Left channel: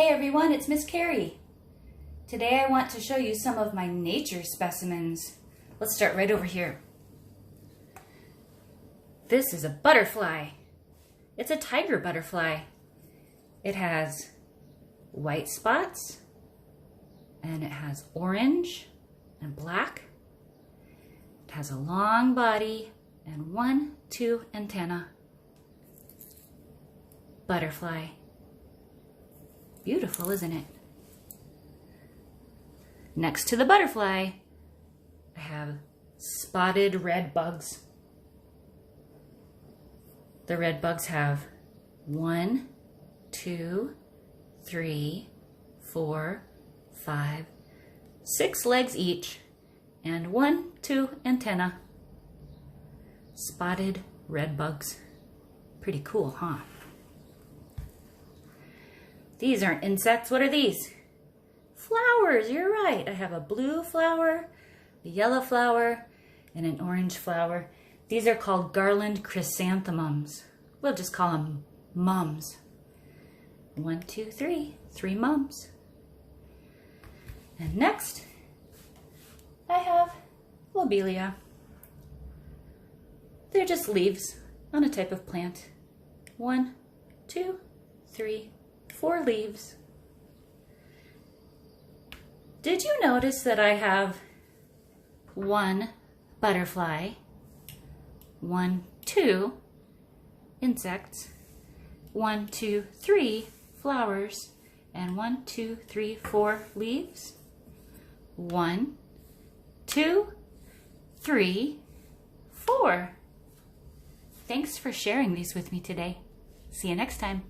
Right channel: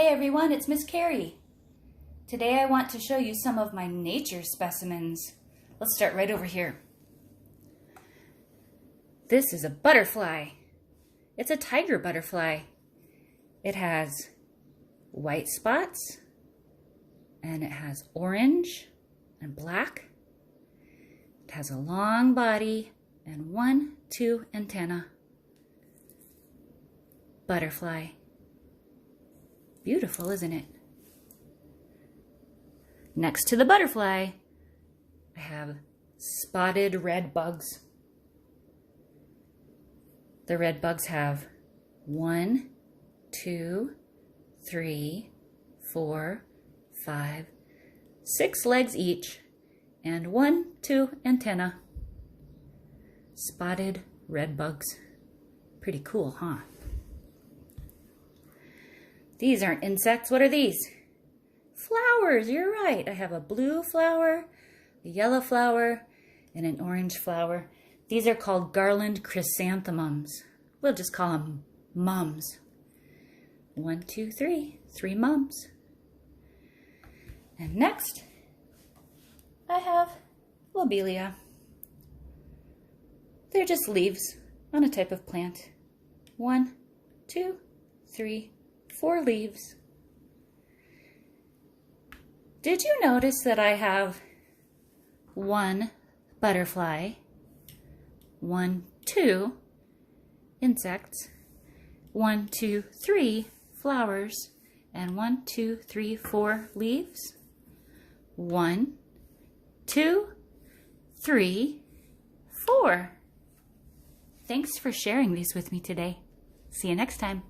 Hey everyone, it's Miss Carrie. Today I want to show you some of my nature specimens. Let's start right over here. This is a butterfly. It's a tiger butterfly. It has white spots and it has orange and black. It has a long body and 2 antennae. Butterfly. Beautiful, isn't it? Next to the butterfly, I have spotted red bugs. The red bugs have 1, 2, 3, 4, 5, 6 legs each, and 2 antennae. Spotted red bugs. Pretty cool, huh? These aren't insects. What are these? Flowers, you're right. I have a blue flower, a yellow flower, and an orange flower. These are called garland chrysanthemums. We'll just call them mums. 1, 2, 3. 3 mums. And next, I have lobelia. They're just leaves on a type of plant. 1, 2, 3, 4 leaves. Did you notice that I have 1 butterfly, 1, 2 insects, 1, 2, 3 flowers, and 1, 2, 3, 4 leaves? 1, 2, 3, 4. Thanks for sharing these with me today. See you next time.